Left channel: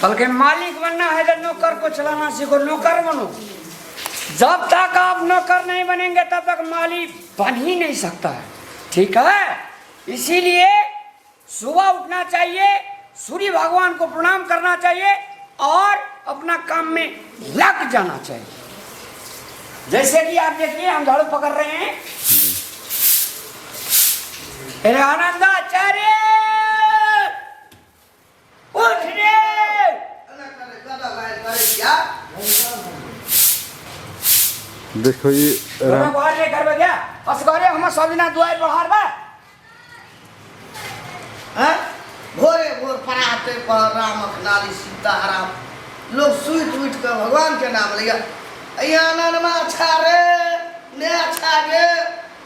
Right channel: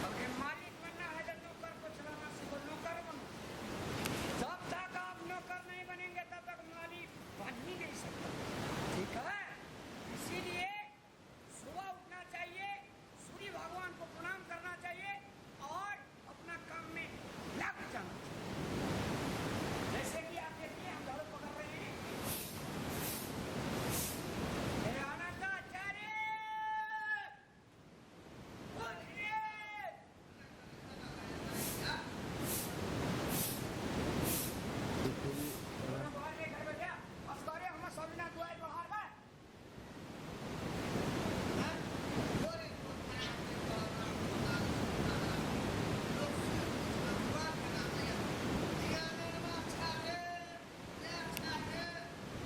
कल के मालिक बनना है तो नौकर को चलाना सीखो, नौकर बनो। जब तक आप नौकर नहीं बनेंगे तब तक मालिक बन ही नहीं सकता है, ठीक है? इसीलिए सुबह उठना चाहिए, सूर्य भगवान को प्रणाम करना चाहिए और अपना काम में लग जाना चाहिए। जैसे कि आप देखिए हम झाड़ू पकड़ रहे हैं। अरे आनंदाचार्य उठ रे। देखो ये बाहर रे करबे क्या असगरे हम सब दिना दुआर बाहर बा। हैं भोरे भोर पराते पर राम नारी सीताराम लोग सुइत उठ कर भगवान के नाम लिया। अयानन में अच्छा रे ने अच्छा गे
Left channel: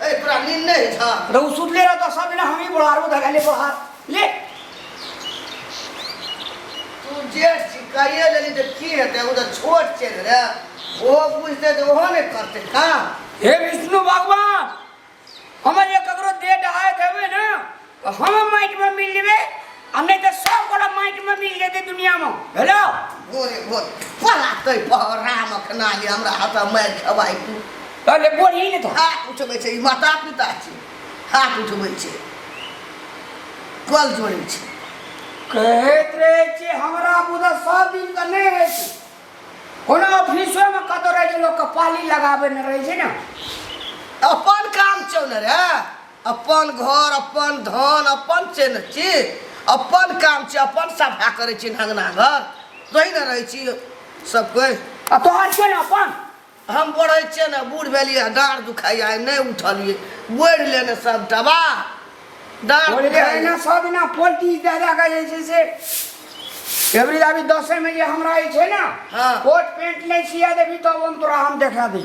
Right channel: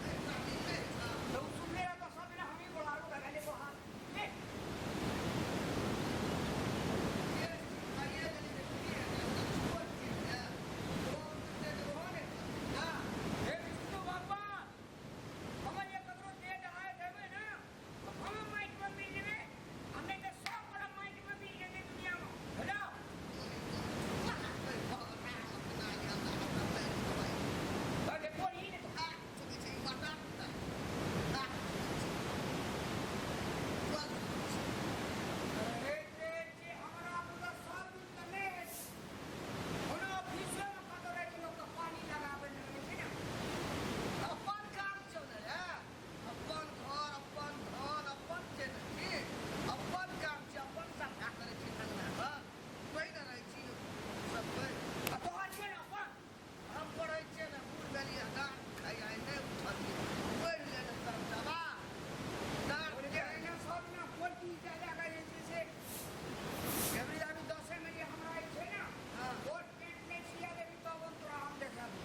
ए पूरा नींद नहीं था रहू सुत ले रहा तो सब दिना हम ही बाहर वो धगा ले बाहर ले। तू जे शिकाये लेनी तो की है वो तो छोट चल रे वो पूछते तो वो नहीं करते का। हे विष्णु भगवान हमारे ककरो दे डहाए देवे ना तो हम माइट में मिल लेवे, हमने तो सब बड़ा माइट में मिल जेते दुनिया में। हेलो भोरे भोर पराते पर राम नारी हमरा हाथ मार खवाई तू ले बोल ही नहीं तो हाथ उठबै छै माता पिता छै हाथ उठबै छै कल जोड़ै छै कहत रहे छे हमरा बुदा सब दिन का नहीं रहे छे। कोनो ऑफिसो में कतो रहे छे लोग कपाली लगावे न रहे छे ना। अपन काम चल रे अपन घर अपन धन अपन छै न छी अपन काम छै अपन सफा करै छी अंगना घर तोही न रहै छी सब कोई। आ तोहर क्यों ना अपन हम बढ़ै छियै न बूढ़ भेलियै डाँड़ दुखाइया नहीं उठलियै बोरि लेने सब दबा डाँड़ बोले है ना सब ना पोल्टी दादा का जैसे से एवरी अभी 10 में ये हमरा आई छे ना हाँ। कोट पैंट नहीं सिया देबी तो हम तोरा हम देखा दी।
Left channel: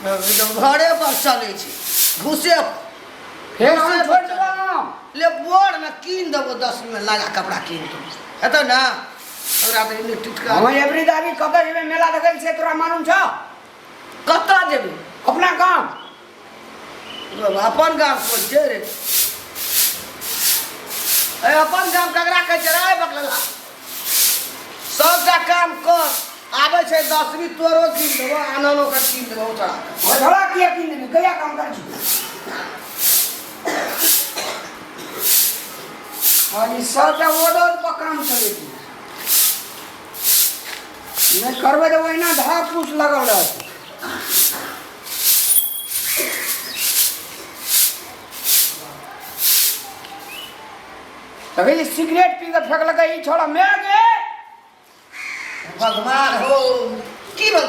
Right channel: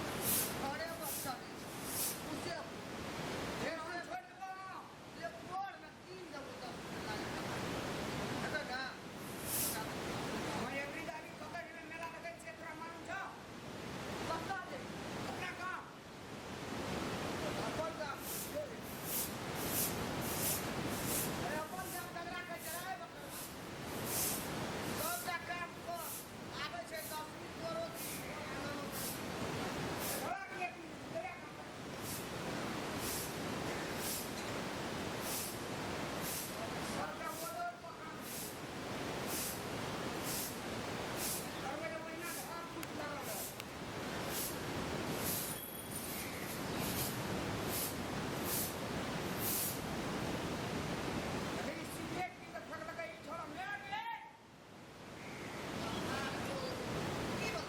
घरे पर चलै छी घुसे फिर हम छोड़ दो ले बोर में कीन देबो 10 में लगा कपड़ा कीन दो एतो ना हमरा तो इने टिटका हम एवरी दाबी कतर में मेला लगल से तोरा मालूम छ? कत्ता जेबी अपना काम अपन गाम को जे रे ए अपन गाम ककरा कह चराय बकला सबटा काम कर आबे छै 10वीं तोरो कीन देबो आननो का कीन देबो तोरा झोला किया किन देबी कया काम कर छी। और ये सबटा ओडल पर काम चले थी नहीं करबे तो वही ना धार पूछ लगल रहत। तभी सिगरेट पी के फेंक लगा ई छोड़ा मैं गे भगवान हो की बोल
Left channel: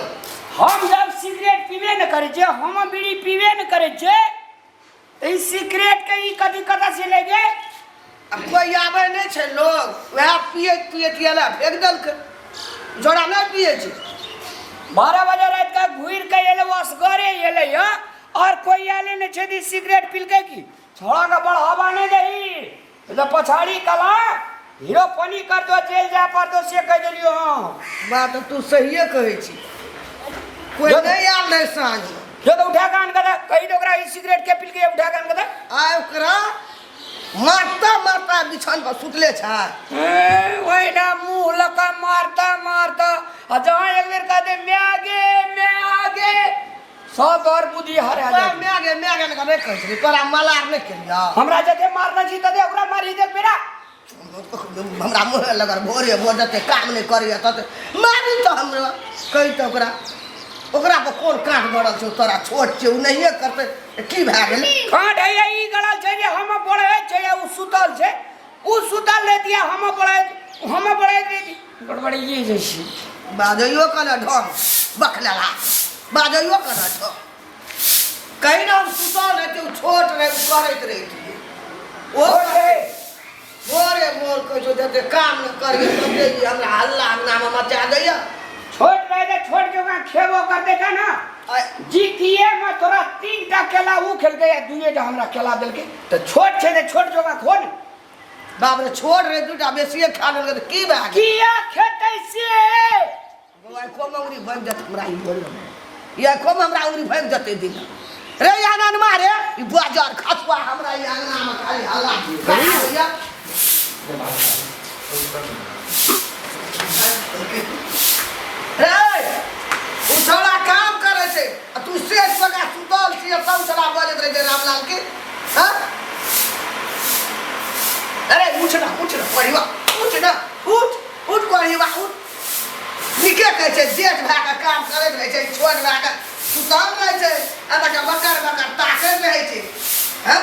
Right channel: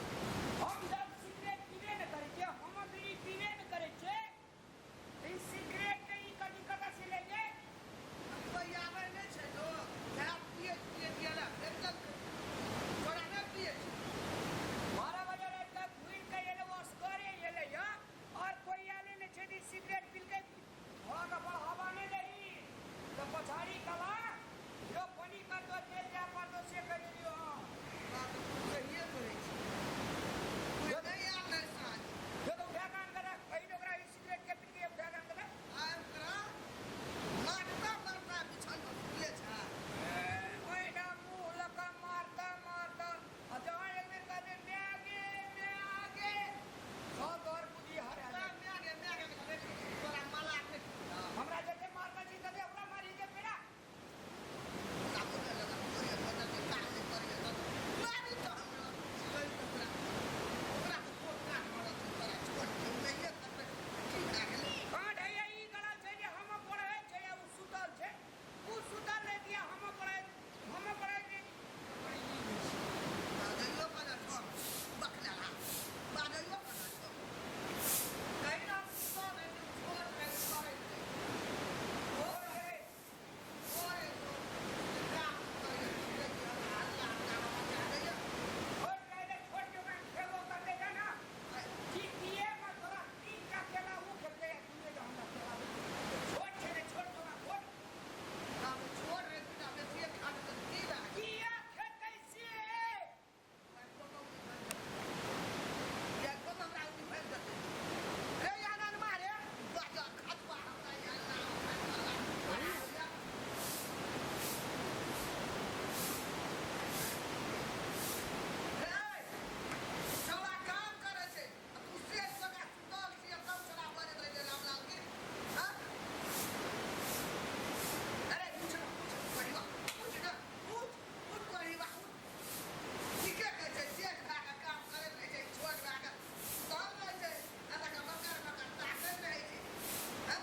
हम जब सिगरेट पीबे न करे छे हम बीड़ी पीबे न करे छे ई सिगरेट के ई कदी कदा से ले गे। अब कोई आवे नहीं छै लोग वह पिए पिए केला फेंक दल के जोड़ा नहीं पिए छै 12 बजे रात का घूर के एले असगरे एले या और कोई आले न छे दी सिगरेट पील के की छोड़ा का बढ़ावा नहीं देही तो पछाड़ी कला हीरो पानी कर दो जेल जा पर दो से कह देलियो। हां बात तू सहीए कहै छी कोई नहीं आल नहीं साँझ जो तो उठा कान कदा कही तो ओकरा ई सिगरेट के पील के उठा कान कदा आय ओकरा मारता मारता बिछान पर सुतले छै ओए ना मुंह लका मारता मारता आ जहां एक बेर कह दे मैं आगे सब और बुद्धि हरा जा मैं आगे नहीं कहै छी तोरा मलार नहीं केलिया हमरा जते मारना छी तते ओकरा मारी दे बेरा हमरा मुँह लगर भोरे भोर जते काम नहीं करिए तते मारी तो हमरा कही तो ओकरा पर कोन काट गड़ल छौ तोरा छोट छै उ नहीं करते की भए गेल काट है ई गड़ल छै जे हम पड़े छै उ सुतल छै उ सुतल ले दिया हम पड़े दे दी गड़बड़ी ये जैसी बाजइयो कने ढंग बखलेला बाजइयो कने ढंग कहीं ना हम सुतल है तो छोट रहे करैत रही ओ भोरे भोर कहै छौ जते काम न करिए तते हमरा हल्ला अंगना में मचा दैया छोट रहे दे छोट के का खेबो कर देता ना जीतिए में तोरा 3 टा केला उ खेल गया दुए टा हमरा केला देल के तो छोट छै ने छोट जोगा खोन बाप रे छोड़ रे दूटा बेसिए खा लेलकै त की भए गेल किया खेतै से बौआ को मंगरी बन जत हमरा ई बोल या को हमरा उरी भन जते दिन रे आनन मारे ई बाजार खतवा हमरा ई अंगना में खाली हल्ला भैया रहे थे रामलाल के हाँ अरे उठ ना पढ़िवा उठ ना उठ पढ़िवा उठ निके कहै छै जेठ भए के काम करैत रहै छै छोट भए के सुतल रहै छै आ तक बकर ताकैत रहै छै हैं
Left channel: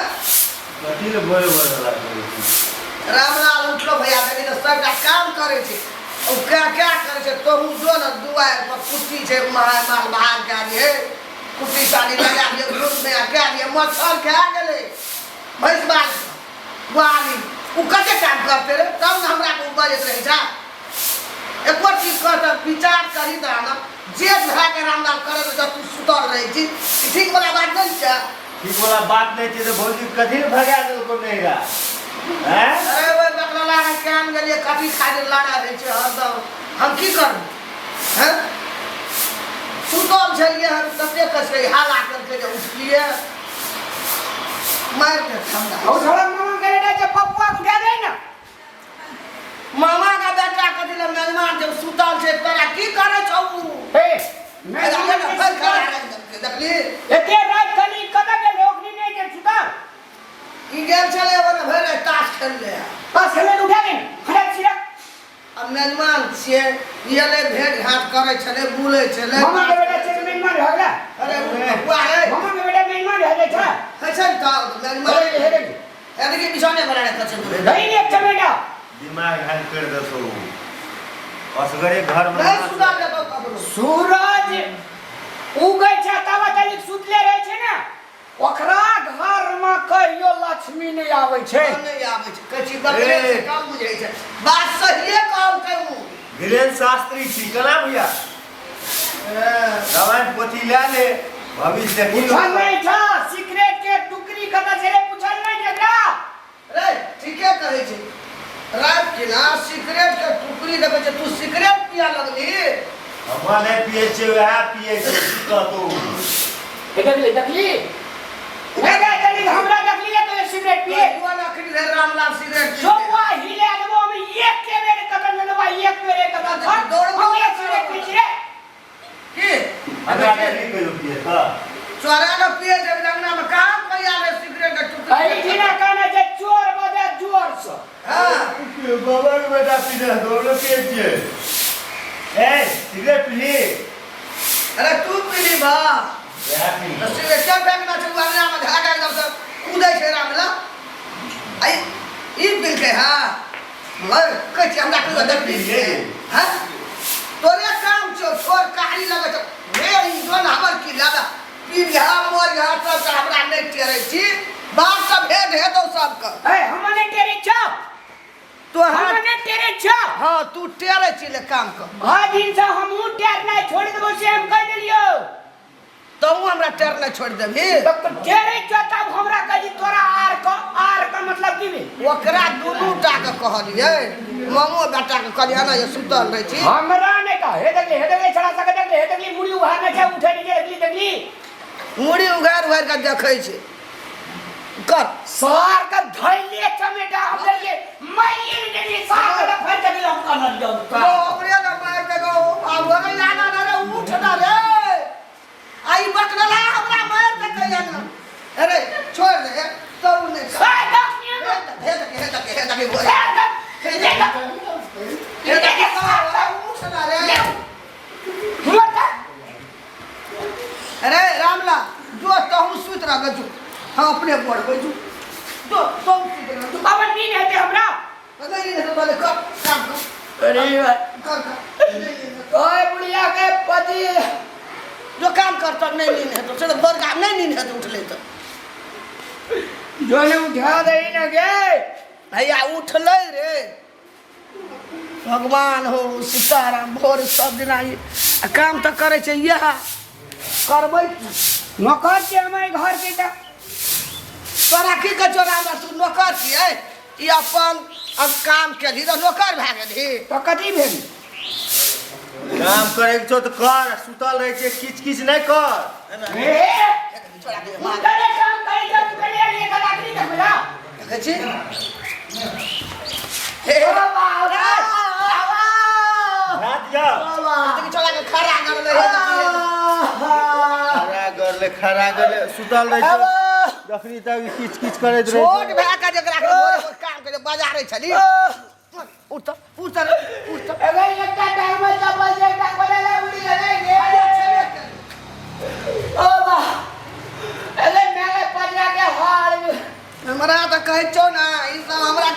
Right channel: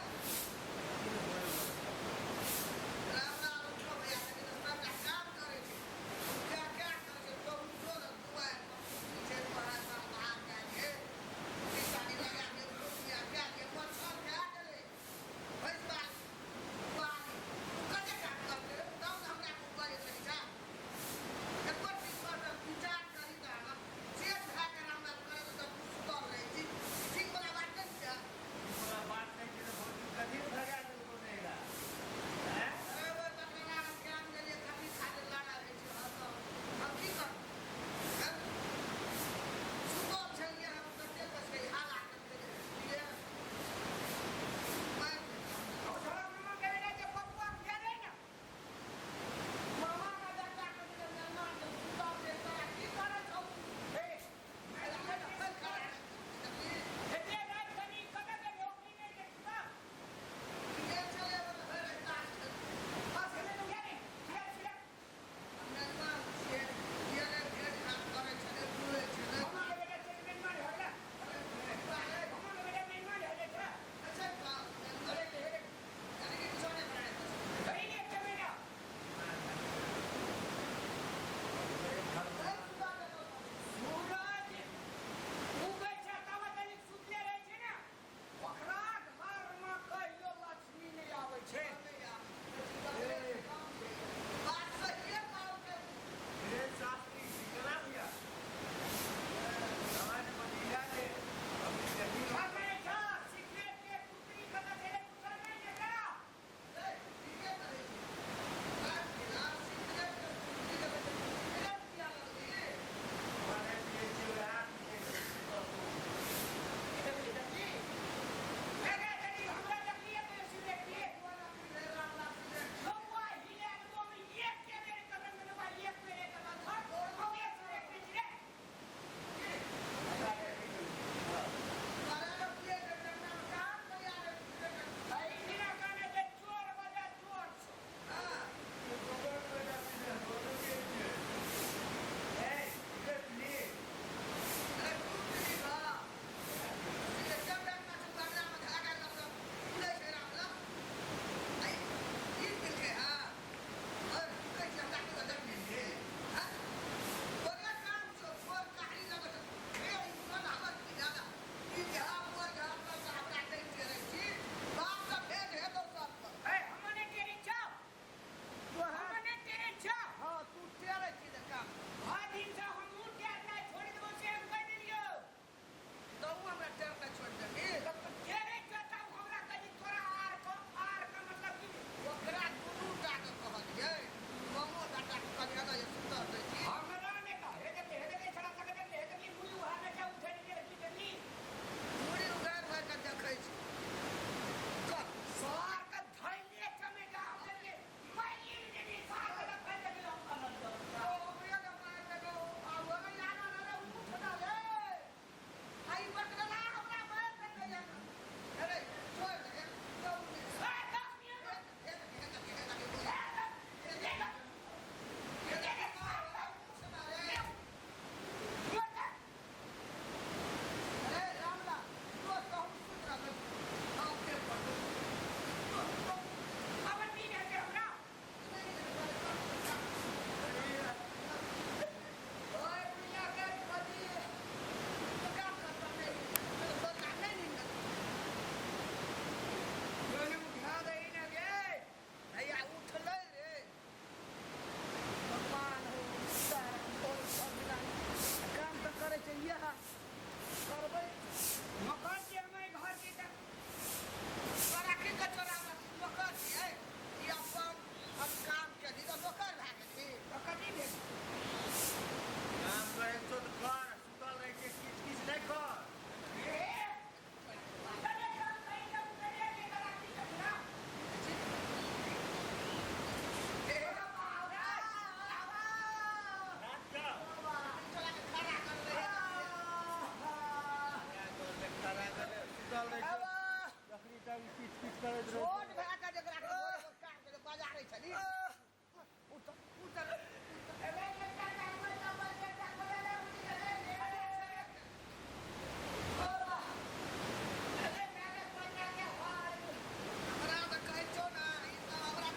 कथी ले बोले वाला रामलाल उठलो भैया देखी तो सबटा काम करे छे ओ क्या करे छे तो हूं जो न दुआर पर कुट्टी छे माल बाहर के आलिए कुट्टी साली लगा दिए ग्रुप में क्या दिए मच्छर खा गेले भैंस बाल वाली उ कते काम करते रे तब न हमरा को बजत रहे छा एक बार चीज कर विचार करी त हम जेठ भए के रामलाल करे तो तू सुतल रहे छी ठीक वाला बात नहीं छा ठीक वाला बात नहीं थी तो भौजी कथी ले भगा दे को नहीं गा हैं अरे वो बकला लागा काम गेलिए कथी खातिर लड़ा रहे छे हरदम हम की करू हैं सुतल छलिए हम कते कसके हाला करके जे उठलिए मार के ठंडा और थोड़ा मामा करे जे पप्पा उठा दे ना मामा का बेटा कथी ले मेहमान जब सुतल छे तोरा की करे छौ ए मैं देखली एते रात कली कदा के लोग नहीं जे सुता ई गेल छले ओने भरे ताश खेल ले बस हमें उठा दे खड़क सिरक अब मेहमान छिए येले भेंट घाट करे छले बुले छले मामा के बेटा से मेहमान हो गया अरे बुआ रे मामा के बेटा मेहमान हो गया था कैसे था मेहमान हे रे यानी कि बिछौने बनाने कछे दूर नहीं एक चमेटा दिमाग हैंग कर दे सो असगरे घर में मैं सुधा के तो कबरो सूरज उगै छै तब तक सुतले रहे छै ना ओकरा घर में कहियो लक्ष्मी नहीं आवे छै नहीं आवे छै कछि बकरे से काम बुझै छै बात सहिए काम कहू वीरेंद्र शास्त्री छी कना भैया दवाई पोथी ले ले भविष्य देखी पूछल नहीं था सीक्रेट के टुकड़ी कदा से रे पूछल नहीं जकरा रे ठीके कहै छै रात के ना सिगरेट के टुकड़ी देबे छै तू सिगरेट पिया लगली हमरा नहीं पिए छै वह पिए छै की कहतो देखली लगा चली हमरा देखली तो सिगरेट पिए दुआ लखड़ी रे रामलाल सिगरेट जो हुआ हिले अदबो में एक के बेर कदम लेवा एक बेर कदम धर दौड़बो हम एक सिगरेट पी रे की हमरा नहीं कहियो पिए था चोरा न पिए जब अंगना में कहां पैया रे सिगरेट के टुकड़ी अरे बिना कहना जे चोर बजे जोर से हां बाबा के बेटा पीने दोनों पिए छिए ए सिगरेट पी अरे तू पीली बा या पी तो सिगरेट क्या फेंकना छै अंगना में धागा एकदम से कूदै छै रामलाल आई ई पील के हां मर कछ हमरा को देख लीजिए हां तोरे काम छो छोर काली लगे छो रे ई जोन हमर की लादा पीलिया मोर घाट सब हमरा नहीं टेरै छी बात सब भेद हे तो सब का ए हमने तेरे छो तो हमने तेरे छो हां तू टेरै छी ले काम कर आ दिन से हमहु टेर नहीं छोड़ देबो से हम कह देलियो तो हमरा टेर नहीं छोड़ देबी तब तो तेरे छो तब हमरा कही तोरा आर का मतलब की बे ओकरा दुनू टा के कहलिए मामो बेटा के कहलिए ना ये सुतल रह छी हमरा ने का हे देखली छड़ा सके देखली मुड़ी उहार में छै उठे नहीं देखली मुड़ी उगार के देखै छै कर सार का धैले चमेटा हम देखिए मैं ये देखली सार का फट के हम कर दियो ओकरे ना मार के गो अब रे लाना ना रे उठ ना रे आई बकला हमरा मार के कहिया ना अरे छोड़ दे तो ने हे देखनी हे तक बोल उठ ना रे अरे रामला जो तो हम सुत रह गजू हम अपने बोल गजू तो तुम बाबा नींद है हमरा नहीं है तो बोले कर काम अरे कर ओए बुढ़िया के पति जो काम करता नहीं नींद है तो चलो बोल काम नहीं नींद है तो उठ ले तो जो ने उठा दे न गे भैया उठ ले रे भगवान हो सीताराम भोर सब दिन आई काम तो करे छै यह करबै नौकर के हमारे घर के ता तोरा की के चोरा में तू नौकर छियै ई अपन अब काम केली तो नौकर भए गेली तो कथी भेल काम करे के छो तो कर सुतल रहे छै किछ किछ नहीं कर ए छोड़ा के करे काम करे जो पहले ये गलाकरी तक मिला देखै छी हे बाबा रात जा देखि छोड़ा के खड़ा कर ले खड़ा कर ले सुतल रहे छो जखनी तक किच किच करैत रहै छोट छै। भए के जकरा के भोरे भोर काम करे बाजारे छली उठ उठ उठ अरे एकटा टाइम में चपल जे एकटा कोले ले उड़ी गए गे ओ बा अरे मेरे पजरा के हाल हमरा तो कहै छौ ना ई सब हमरा